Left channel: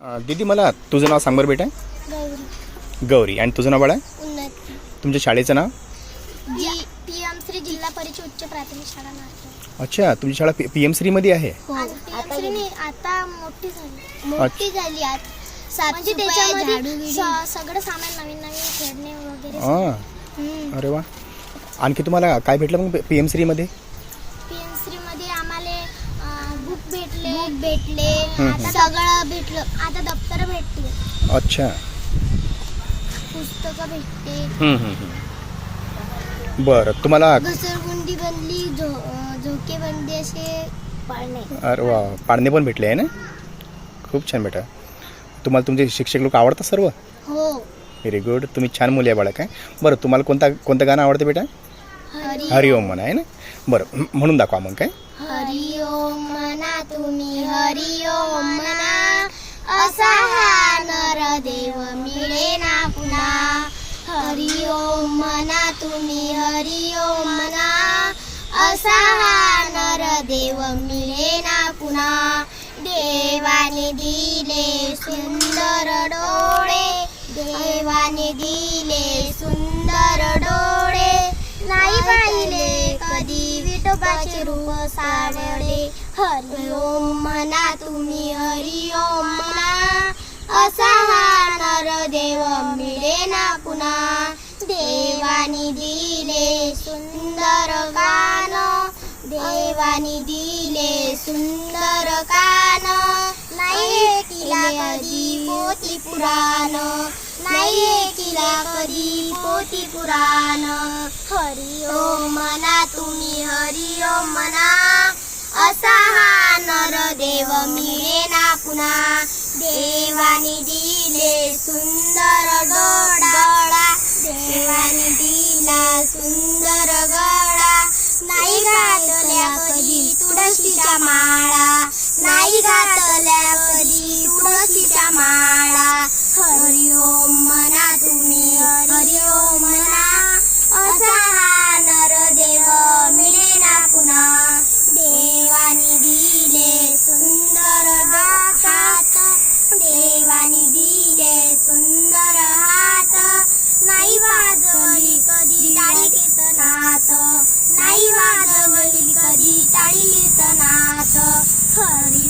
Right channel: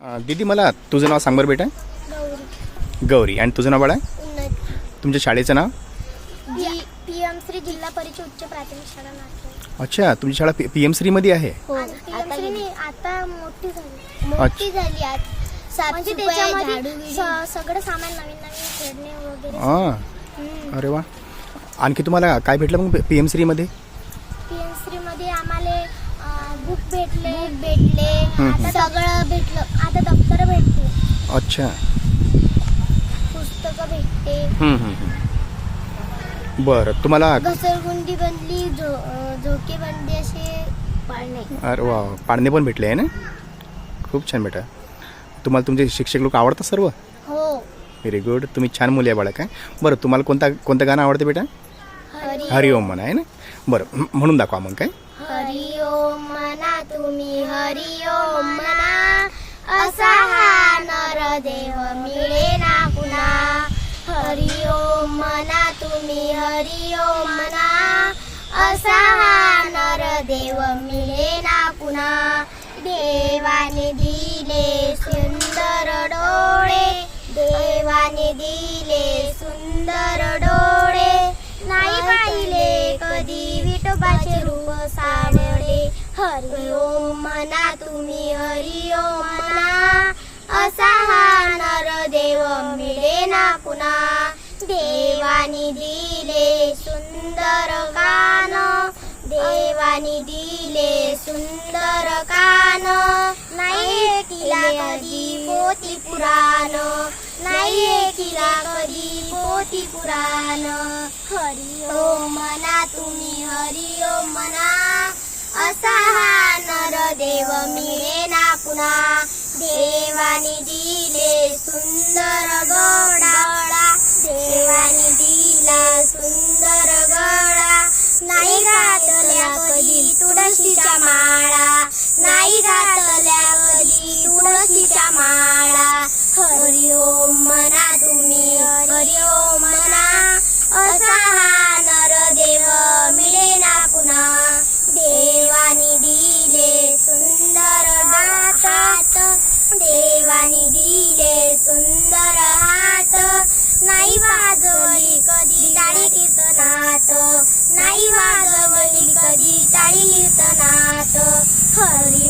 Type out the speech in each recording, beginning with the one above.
दीदी मला तुझं नाव सांग बरं बेटा. गौरी. गौरी. आणि तुझं नाव बाळा? उन्नती. तुमच्या शाळेचं नाव? जी पी एम श्री जिल्हा परिषद उच्च प्राथमिक शाळा अच्छा तुमची शाळा पी पी एम श्रीमध्ये आहे? हो. आता आता मोठी झाली. मोठी झाली आज. म्हणजे त्याच्यामध्ये स- सगळं सामान नवीन नवीन खेळणे वगैरे हां. अरे वा. आणखी तुम्हाला काय भेटलं मग पी एम श्रीमध्ये? पी एम श्री मध्ये आम्हाला बुक भेटले. बुक भेटले. आता सगळं भेटलं. आता दप्तर भेटले अच्छा. पुस्तकं भेटते. हम्म, हम्म, हम्म. बरं तुम्हाला घसरगुंडी बनली झो झोके बनली असे पाळणे. अरे वा पाळणे पण भेटले आहे ना? खूप छान बेटा. तुम्हाला तुमचे शिक्षक लोक आवडतात सर्व? हो. व्हेरी गुड तुम्ही छान मुली आहे बाळा काय बरं तुम्हाला कोणता कोणतं गाणं आवडतं बेटा? हरी हरिओम म्हणा आहे ना? बरं म्ह- म्हणून दाखवा मग काय? हरि तुम्ही हरि ओम म्हणा. असा हा नरदेव मिळे ना पुन्हा. हरि ओम म्हणा तुम्ही हरि ओम म्हणा. असा हा नरदेव मिळे ना पुन्हा. देवाने दिले सुंदर डोळे. देवाने दिले सुंदर डोळे. नाही पाहिले कधी विठोबाचे रूप सावळे हरि ओम म्हणा तुम्ही हरि ओम म्हणा असा हा नरदेव मिळे ना पुन्हा देवानी दिले सुंदर कान। देवानी दिले सुंदर कान। नाही तिला कधी पोती पुराण। नाही तिला कधी पोती पुराण। हरि ओम म्हणा तुम्ही हरि ओम म्हणा असा हा नरदेव मिळे ना पुन्हा देवानी दिले सुंदर गडा। देवानी दिला सुंदर गडा। नाही घातल्या कधी तुळशीच्या माळा। नाही घातल्या कधी तुळशीच्या माळा। हरि ओम म्हणा देवानी दिले सुंदर हात. नाही वाजवली कधी टाळीच नात नाही वाजवली कधी टाळीच नात हरि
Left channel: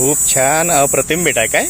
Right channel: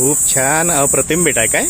खूप छान अप्रतिम बेट आहे काय?